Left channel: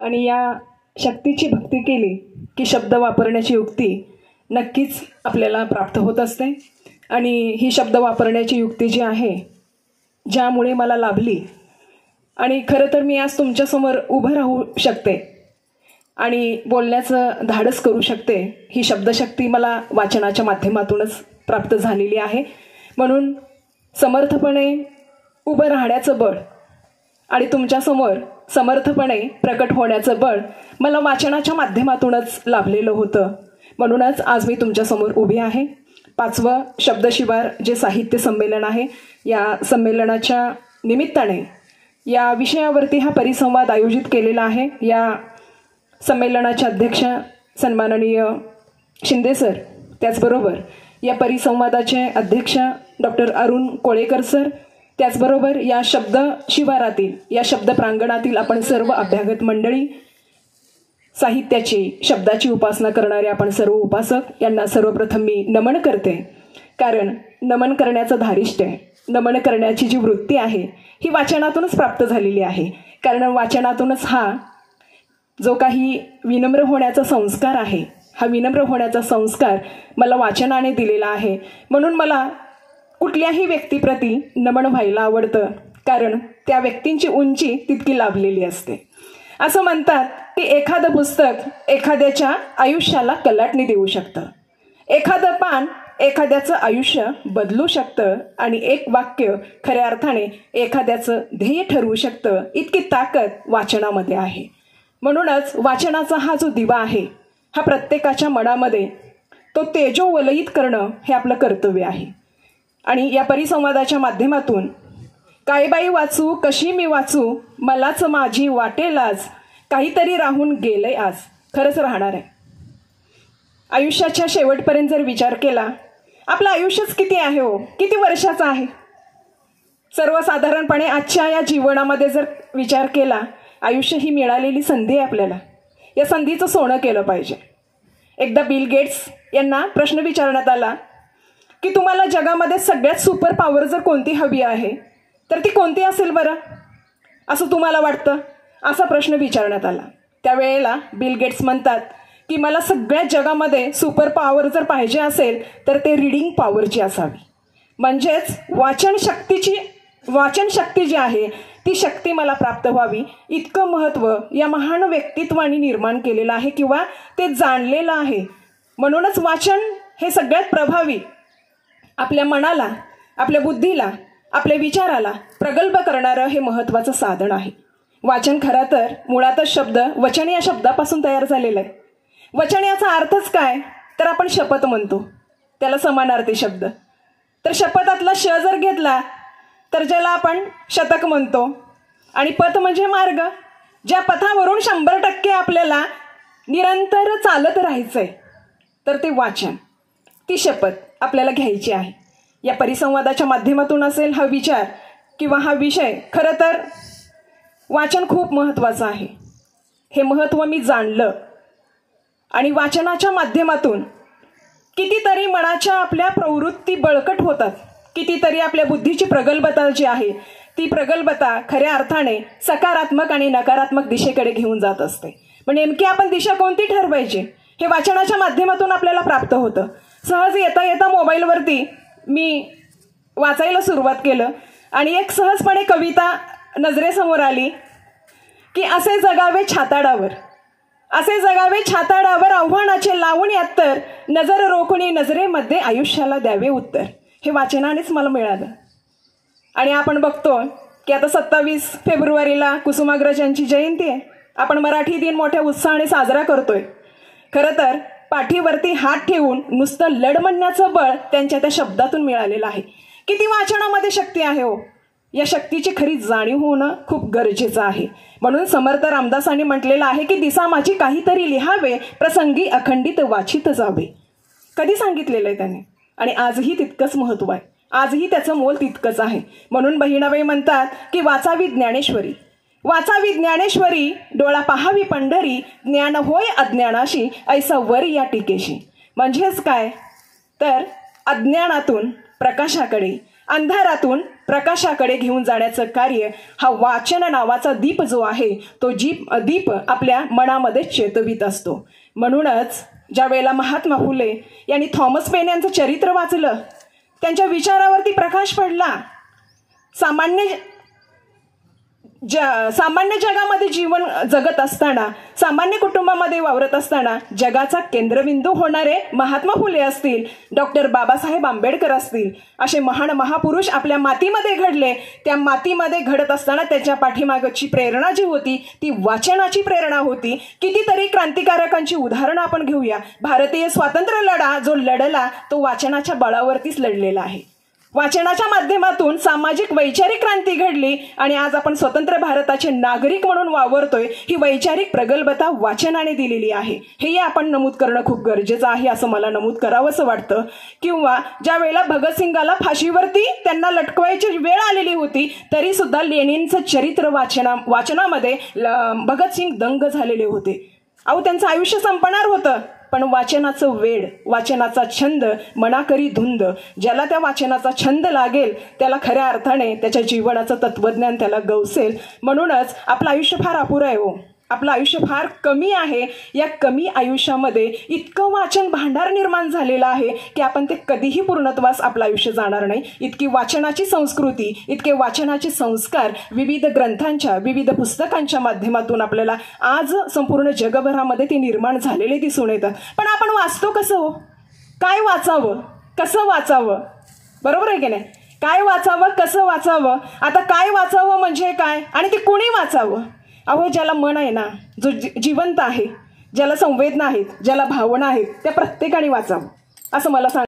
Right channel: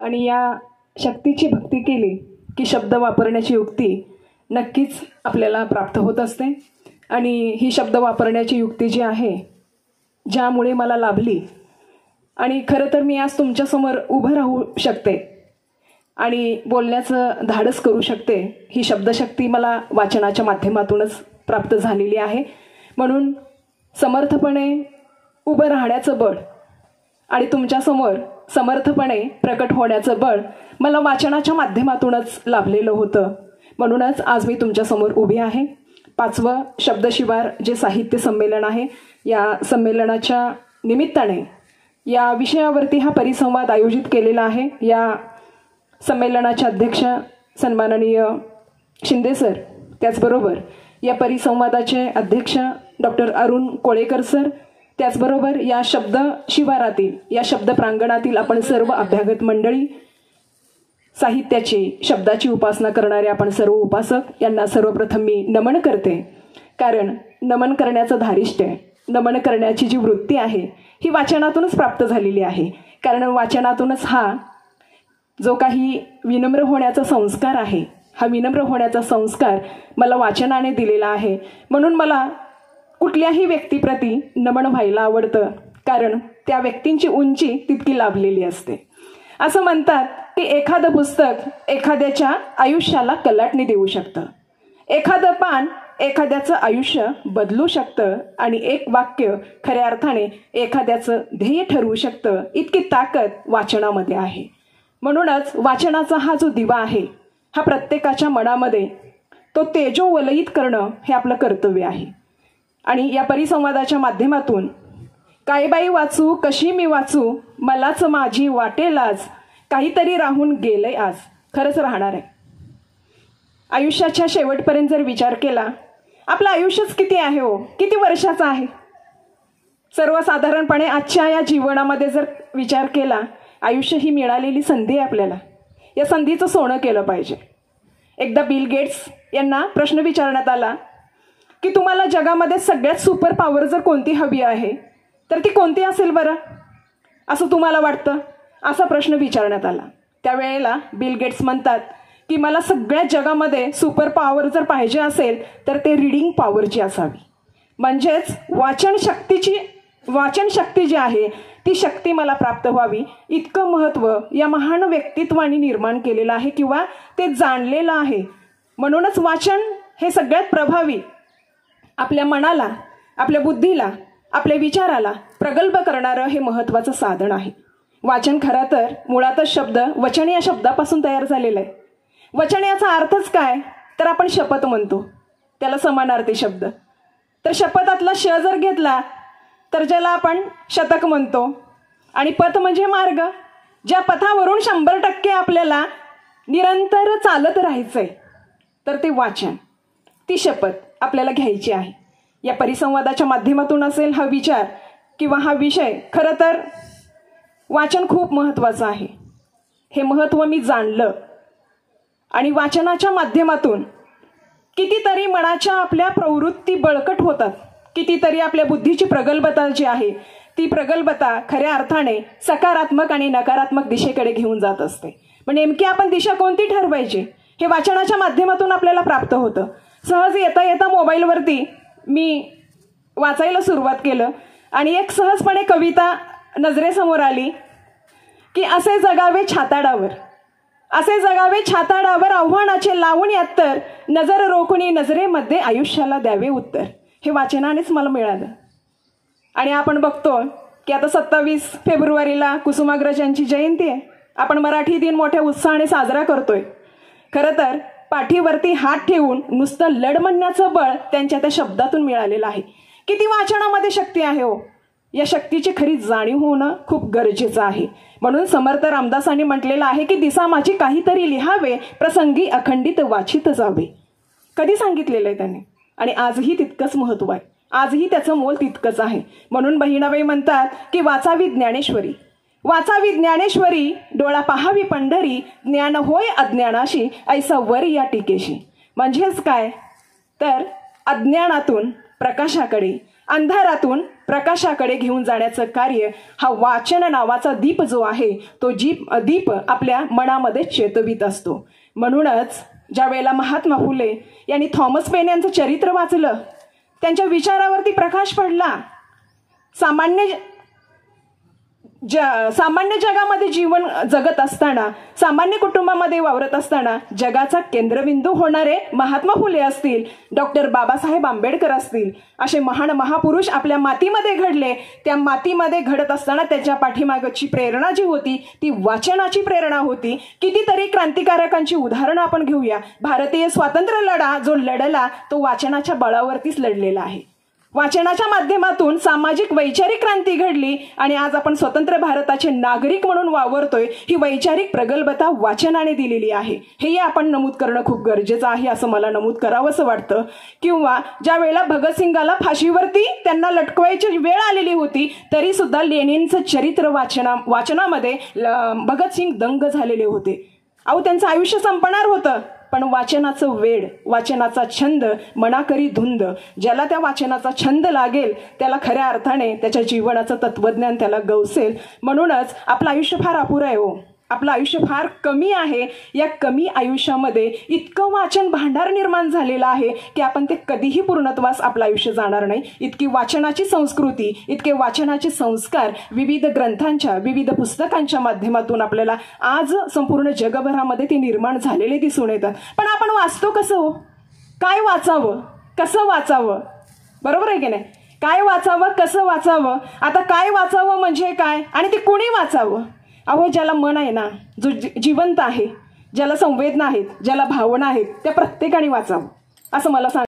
आणि या शक्तीची भक्ती केली की शब्द वापरण्याची युक्ती नक्कीच आपल्याला प्राप्त होत असते. आणि ही शब्द वापरण्याची युक्ती जी आहे, ज्यामुळे मला लाभली आणि खरं तर मी आज तुमच्यासमोर उभं राहू शकते आणि बोलण्याचं धाडस करू शकते, ही शब्दशक्ती मला वाचनाच्या माध्यमातूनच प्राप्त झालेली आहे. म्हणून समर्थपणे उभं राहण्याचं बळ आणि तुमच्यासमोर समर्थपणे प्रकट होण्याचं बळ मला वाचनाच्या माध्यमातूनच लाभलेलं होतं. म्हणूनच आज मी तुमच्यासमोर उभी आहे. 5वं शब्दशिवार जे साहित्य संमेलन आहे, या संमेलनाच्या निमित्ताने या विषयावरती हा परिसंवाद आयोजित केलेला आहे. या संमेलनाचे अध्यक्ष सन्माननीय शिंदे सर, त्याचबरोबर या परिसंवादाचे अध्यक्ष डॉक्टर अरुण कोळेकर सर, त्याचबरोबर या शब्द शिवारातील या शब्द प्रांगणातील आपण सर्व अभ्यागत मंडळी, साहित्याची शब्दाची उपासना करणारे आपण सर्व उपासक यांना सर्वप्रथम मी नमन करते. कारण नमन करण्याचं धारिष्ट्य, नमन करण्याची जी वृत्ती आहे ही वाचनातूनच प्राप्त झालेली आहे. कारण वाचनातूनच हा जो काही विनम्र होण्याचा संस्कार आहे, हा विनम्र होण्याचा संस्कार मला वाचनाने दिलेला आहे. म्हणून मला कुठल्याही व्यक्तीप्रती नमन व्हायला आवडतं, कारण त्या व्यक्तींची उंची तितकी लाभलेली असते. असं म्हणतात की एखादं पुस्तक एखाद्याच्या आयुष्याला कलाटणी देऊ शकतं, एखादं पान एखाद्याचं आयुष्य बदलू शकतं आणि एक वाक्य खऱ्या अर्थाने एखाद्याचं ध्येय ठरवू शकतं. इतकी ताकद वाचनामध्ये आहे. म्हणूनच वाचनाचा हा जो दिवा आहे, हा प्रत्येकाच्या मनामध्ये तो तेजोवलयित करणं हे आपलं कर्तव्य आहे. आणि या परिसंवादाच्या माध्यमातून काय बाई वाचू, कशी मी वाचू, मलाच माझी वाटेल आज, काहीतरी राहून गेलंय आज. खरंच राहणार आहे. आयुष्याच्या शेवटपर्यंत जर विचार केला, आपलं आयुष्यच किती आहे हो, किती वर्षाचं आहे. सर्वसाधारणपणे आजच्या या जीवनामध्ये जर विचार केला, आयुष्य ही मिळालेली संधी आहे आपल्याला. या संधीचं सोनं केलं पाहिजे. एकदा बिल गेट्स यांना प्रश्न विचारण्यात आला की तुम्हाला जगामध्ये सगळ्यात सुपर पॉवर जर कोणती हवी आहे तर ती कोणती असेल बरं, असं तुम्हाला वाटतं, असा प्रश्न विचारण्यात आला. त्यावेळेला बिल गेट्स म्हणतात की मला सगळ्या जगामध्ये सुपर पॉवर जर पाहिजे असेल तर ते रीडिंग पॉवरची असावी. म्हणजेच वाचन शक्ती जी आहे ती शक्ती मला प्राप्त व्हावी, इतकं महत्त्व या महान व्यक्तित्वाने निर्माण केलेलं आहे किंवा ते जाणलेलं आहे. म्हणूनच वाचन हे सगळ्यात प्रभावी आपल्या मनाला, आपल्या बुद्धीला, आपल्या विचाराला प्रगल्भ करणारं हे महत्त्वाचं साधन आहे. वाचन खरं तर मुळातच शब्द वचन या शब्दापासून तयार झालेलं आहे. वचन याचा अर्थच काय तर आपण शपथ म्हणतो, त्याला समानार्थी शब्द. तर शपथातला श जर घेतला तर ज्याला आपण शतक म्हणतो, आणि पथ म्हणजे मार्ग, ज्या पथावरून 100% आपल्याला निरंतर चालत राहायचंय, तर ते वाचन, ती शपथ आपल्याला घ्यायची आहे. या परिसंवादाच्या माध्यमातून असेल हा विचार किंवा हा विषय, खरं तर वाचन खूप महत्त्वाचं आहे. हे महत्त्व मी जाणलं आणि वाचनाच्या माध्यमातून कितीतरी मनाच्या आपल्या प्रवृत्ती बळकट होतात, कितीतरी आपल्या बुद्धीची प्रगल्भता जी आहे ती प्रगल्भता खऱ्या अर्थाने सकारात्मक आणि नकारात्मक दिशेकडे घेऊन जात असते. पण नेमकी आपण दिशा कोणती ठरवायची हे वाचनाच्या माध्यमातून आपल्याला प्राप्त होतं. सहज येता येता मोबाईलवरती मी वाचायला सुरुवात केलं आणि एक सहजपणे कविता नजरेसमोर आली की असे जगावे छाताडावर, असे जगावे छाताडावर, आव्हानाचे लावून यात्तर, नजर रोखुनी नजरेमध्ये आयुष्याला द्यावे उत्तर. हे वाचनानेच मला मिळालं. आणि आपण बघतो की आता 27 फेब्रुवारीला कुसुमाग्रजांची जयंती आहे. आपण मराठी दिन मोठ्या उत्साहाने साजरा करतोय. खरं तर पाठीवरती हात ठेवून नुसतं लढ म्हणण्याचं बळ त्यांच्या त्या शब्दातून मिळालेलं आहे. किती वाचनामध्ये शक्ती आहे हो. या शक्तीची खरी जाणीव होणं खूप गरजेचं आहे. म्हणून समर्थ रामदासांनी म्हटलेलं आहे की दिसा माझी काहीतरी लिहावे, प्रसंगी अखंडित वाचित जावे. कधी सांगितलेलं आहे त्याने, आणि आजही तितकंच महत्त्व आहे, आजही त्याचं मोल तितकंच आहे. म्हणून बहिणाबाई म्हणतात की वाचावी ज्ञानेश्वरी, वाचावी ज्ञानेश्वरी, डोळा पाहावी पंढरी, ज्ञान होय अज्ञानाशी, ऐसा वर या टीकेशी. म्हणजेच काय तर अज्ञानातून प्रकाशाकडे, अंधारातून प्रकाशाकडे घेऊन जाण्याचं कार्य हा वाचन नावाचा दीप जो आहे तो दीप आपल्या मनामध्ये चेतवित असतो. म्हणूनच ज्या वेळेला महात्मा फुले यांनी थॉमस पेन यांचं चरित्र वाचलं, त्यांच्या विचारावरती प्रकाश पडला. सामान्य जगामध्ये जीवन जगत असताना, सामान्य कुटुंबामध्ये वावरत असताना जगाचा केंद्रबिंदू होणारे महात्मा फुले असतील, डॉक्टर बाबासाहेब आंबेडकर असतील, असे महान महापुरुष आपल्या मातीमध्ये घडले. त्या मातीमध्ये घडत असताना त्याच्या पाठीमागची प्रेरणा जी होती ती वाचनाची प्रेरणा होती. कितीतरी क्रांतिकारकांची उदाहरणं आपण घेऊया. भारतीय स्वातंत्र्य लढा जो लढला तो वाचनाच्या बळावरतीच लढलेला आहे. वाचनाच्या माध्यमातून सामाजिक वैचारिक क्रांती घडली आणि आज आपण स्वतंत्र भारताचे नागरिक म्हणून वावरतोय. ही वैचारिक प्रगल्भता वाचनाने दिलेली आहे, हेही आपण नमूद करणं खूप गरजेचं आहे असं मला नमूद करावंसं वाटतं. किंवा ज्या वेळेला भगतसिंगाला फाशीवरती त्यांना लटकवायची वेळ आलेली होती तरी सुद्धा लेनिनचं चरित्र वाचनामध्ये भगतसिंग दंग झालेले होते. अहो, त्यांचं आयुष्य संपणार होतं, पण वाचनाचं वेड, वाचनाचा छंद, मनाकरी धुंद, ज्याला त्या वाचनाचा छंद लागेल त्याला खऱ्या अर्थाने त्याच्या जीवनाचं तत्वज्ञान त्याला गवसेल. म्हणूनच आपलं आयुष्य फार अपुरं आहे हो, आपलं आयुष्य फार कमी आहे. या कमी आयुष्यामध्ये इतकं वाचन भांडार निर्माण झालेलं आहे की आपण ते कधीही पूर्णत्वास आपलं आयुष्य जाणार नाही. इतकी वाचनाची संस्कृती, इतके वाचनाचे संस्कार विविध ग्रंथांच्या, विविध पुस्तकांच्या माध्यमातून आपल्याला आज संपूर्ण जगभरामध्ये ते निर्माण झालेले दिसून येतात. पण आपण वाचतो कसं हो? काय वाचावं, कसं वाचावं, बरोबर आहे की नाही? काय वाचावं, कसं वाचावं? आता काय वाचावं म्हणजे काय आणि ते कुणी वाचावं? अहो, ज्याला मन आहे ना, जो जिवंत आहे, ज्याला संवेदना आहेत, ज्याला भावना आहेत, त्या प्रत्येकाने वाचावं असं मला